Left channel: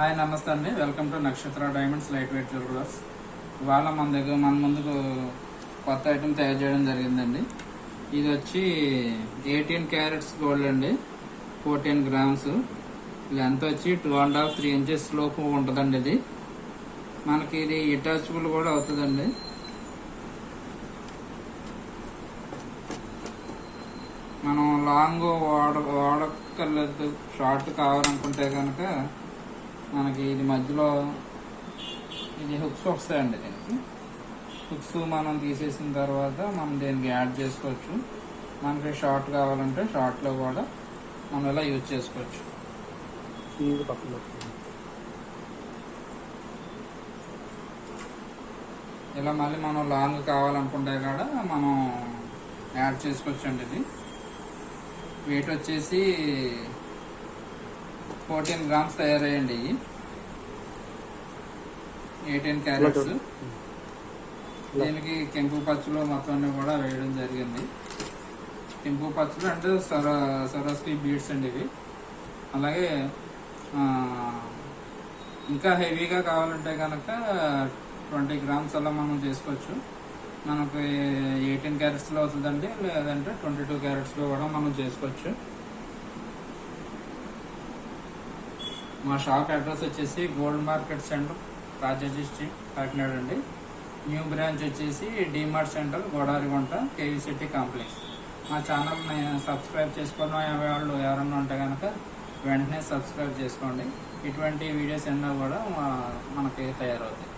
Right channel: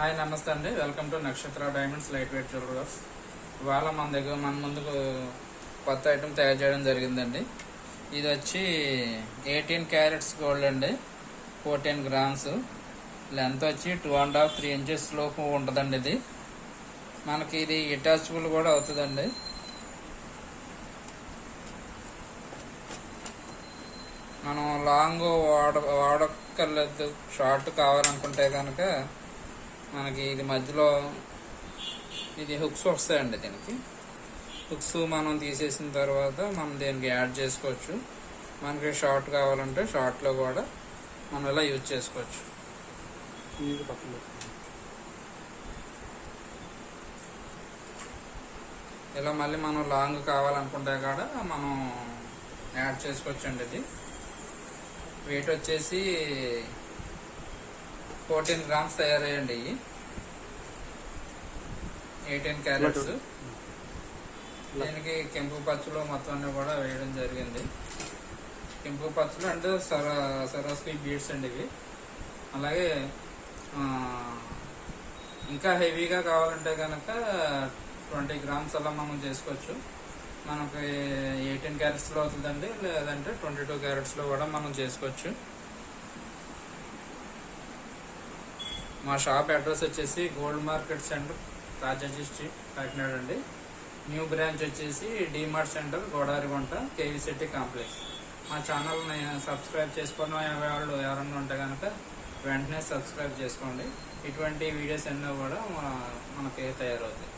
Hi నమస్తే అండి, welcome to నక్షత్ర డైమండ్స్ లైట్ వెయిట్ జ్యువెలర్స్. ఇవాళ మన ముందుకు కొత్త ఐటమ్ తయారు చేయడం జరిగిందండి. ఇది వచ్చి 18 క్యారెట్స్ గోల్డ్ అండి, 14 గ్రామ్స్. లెంత్ వచ్చి 2.5-3 ఇంచెస్ లోపు ఉంటుందండి. ఇది మనకి ఇది అటాచబుల్ కూడా అవుతుందండి. మనం లాంగ్ వాడక్కర్లేదు, షార్ట్ కావాలనుకుంటే కనుక మనకి ఇది మధ్యలో ఇది హుక్స్ వస్తాయండి. దీనికి హుక్స్ మనం తీసేసిన తర్వాత మనం దీనికి యాడ్ చేసుకోవచ్చు. మనకి షార్ట్ కావాలంటే షార్ట్లో కూడా మనం ఇలా యూజ్ చేసుకోవచ్చు. ఇలా మళ్ళీ మనం లాంగ్ కావాలనుకుంటే కూడా మనం యాడ్ చేసుకోవచ్చు అండి. ఇది వెయిట్ వచ్చేసి 14 గ్రామ్స్ తయారయ్యండి. 18 క్యారెట్స్. దీనికి కెంపు పచ్చులు మొత్తం అన్ని కూడా వేయడం జరిగింది. కెంపు పచ్చులు అంటే సరస్వతి బీడ్స్ అండి ఇవి. అలాగే ఇంకా హెవీగా కావాలంటే కనుక 20 గ్రామ్స్ అలా మనం చేసుకోవచ్చు. మనకి 18 క్యారెట్స్లో అవుతుందండి, లేదంటే 22 క్యారెట్స్లో కూడా మనం చేసుకోవచ్చు. మా షాప్ అడ్రస్ వచ్చేసి gold market centre, Rajaji street, Kakinada అండి. న్యూ బ్రాంచ్ వచ్చేసి DMart centre, Godavarigunta, KV city complex. మా ఛానల్ని సబ్స్క్రైబ్ చేసుకున్న వాళ్ళు ఎవరన్నా ఉంటే కనుక వెంటనే సబ్స్క్రైబ్ చేసుకోండి. ఇటువంటి వీడియోస్ ఎన్నో కూడా మనకి తయారవుతాయి.